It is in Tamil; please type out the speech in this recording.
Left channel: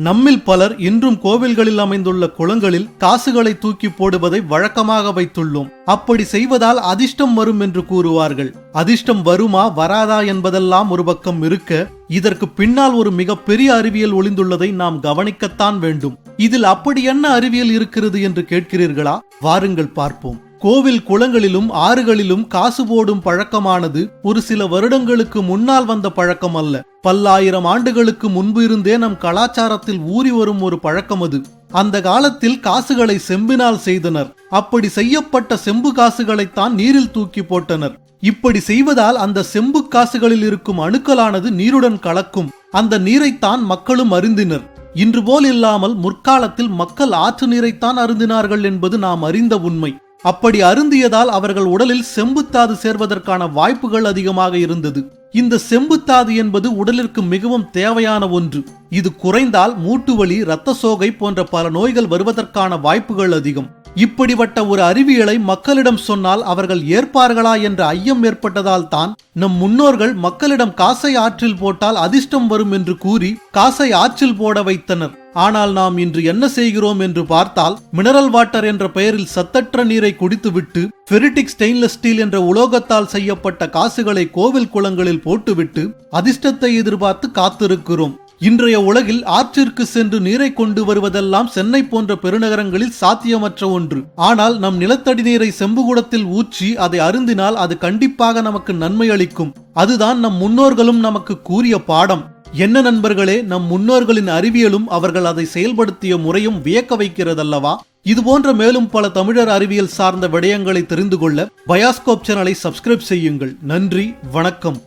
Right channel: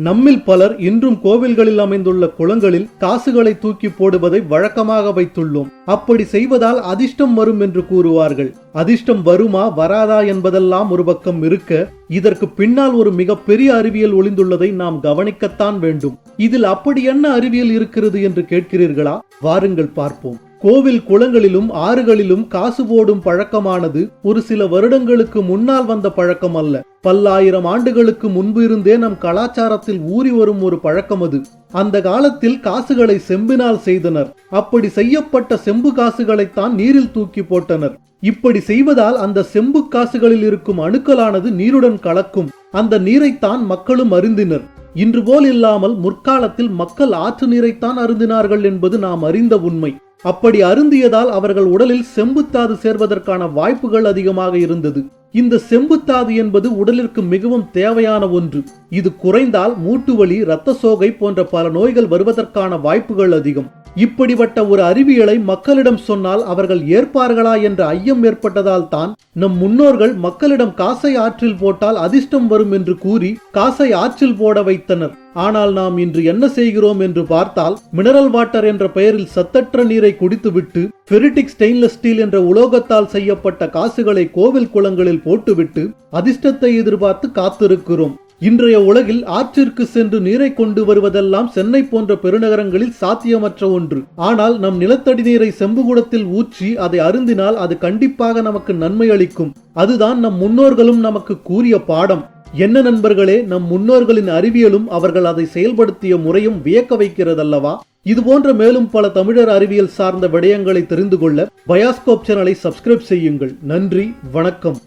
நம்மில் பலர் இன்றும் கோவில்களில் அமைந்துள்ள குளங்களில் காசுகளை தூக்கி போடுவதை வழக்கமாக வைத்துள்ளோம். அப்படி செய்வதால் அதிர்ஷ்டம் வரும் என்று கூறுவார்கள். அதிர்ஷ்டம் வருமா வராதா என்பதெல்லாம் ஒரு பக்கம் இருக்க இதற்கு பின்னால் ஒரு மிகப்பெரிய அறிவியல் ஒளிந்துள்ளதை நாம் கவனிக்கத்தான் வேண்டும். இதில் அப்படி என்ன அறிவியல் இருக்கிறது என்று கேட்கிறீர்களா? வாருங்கள் பார்ப்போம். கோவில் குளங்களிலும் ஆறுகளிலும் காசு போடும் பழக்கமானது ஒரு சில வருடங்களுக்கு முன்னால் வந்த பழக்கம் அல்ல. பல்லாயிரம் ஆண்டுகளுக்கு முன்பு இருந்தே நம் கலாச்சாரத்தில் ஊறி வரும் ஒரு பழக்கம் அது. அந்த காலத்தில் காசுகளை செம்பினால் செய்தனர். அப்படி செய்யப்பட்ட செம்பு காசுகளைத்தான் நீரில் தூக்கி போட்டனர். இப்படி செய்வதால் அந்த செம்பு காசுகளில் இருக்கும் அணுக்களானது நீருடன் கலக்கும். அந்த நீரைத்தான் மக்களும் அருந்தினர். இன்று போல் இல்லாமல் முற்காலத்தில் மக்கள் ஆற்று நீரைத்தான் அருந்தினார்கள் என்பது நாம் அறிந்த உண்மை. அப்படி அருந்தியதால் அவர்கள் உடலில் செம்புத்தாது சேர்வதற்கான வாய்ப்புகள் அதிகமாக இருந்தது. இந்த செம்புத்தாது என்பது உடலிற்கு மிகவும் தேவையான ஒன்று. இது குறைந்தால் மூட்டு வலி இரத்த சோகை போன்ற பல நோய்கள் வருவதற்கான வாய்ப்புகள் அதிகம். இப்படிப்பட்ட ஒரு அறிவியலை மக்களிடம் சொன்னால் அவர்கள் ஏற்பார்களா என்ற ஐயம் ஏற்பட்டதால் தான் நம் முன்னோர்கள் மக்களிடம் காசை ஆற்றில் போட்டால் அதிர்ஷ்டம் வரும் என்று கூறி காசை ஆற்றில் போட வைத்தனர். ஆனால் நாம் இன்று என்ன செய்கிறோம் என்று பார்த்தால் மினரல் வாட்டர் என்ற பெயரில் சத்தற்ற நீரை குடித்துவிட்டு ஃபெரிட்டிக் ஸ்டெயின்லெஸ் ஸ்டீல் என்ற உலோகத்தால் செய்யப்பட்ட காசுகளை கோவில் குளங்களில் போட்டுவிட்டு அதிர்ஷ்டத்தை எதிர்பார்த்து காத்திருக்கிறோம். இன்றைய உலகில் ஆற்றிற்கு சென்று நீரை கொண்டு வருவதெல்லாம் சென்னை போன்ற பெருநகரங்களில் சாத்தியமற்ற ஒன்று. ஆனால் நம் நிலத்தடி நீரை செம்புகுடத்தில் ஊற்றி அதை அருந்தினால் அது கண்டிப்பாக நமக்கு நன்மை அளிக்கும். அதுதான் நம் முன்னோர்களும் நமக்கு கூறிய பாடம். என்ன நண்பர்களே நம் முன்னோர்களின் அறிவியலும் அவர்கள் அதை செயல்படுத்திய முறையும் வியக்க வைக்கிறதல்லவா? இது போன்ற மேலும் பல தமிழர் அறிவியல் சார்ந்த விடயங்களை தெரிந்து கொள்ள பயாஸ்கோப் சேனலை சப்ஸ்கிரைப் செய்யுங்கள். நன்றி வணக்கம்.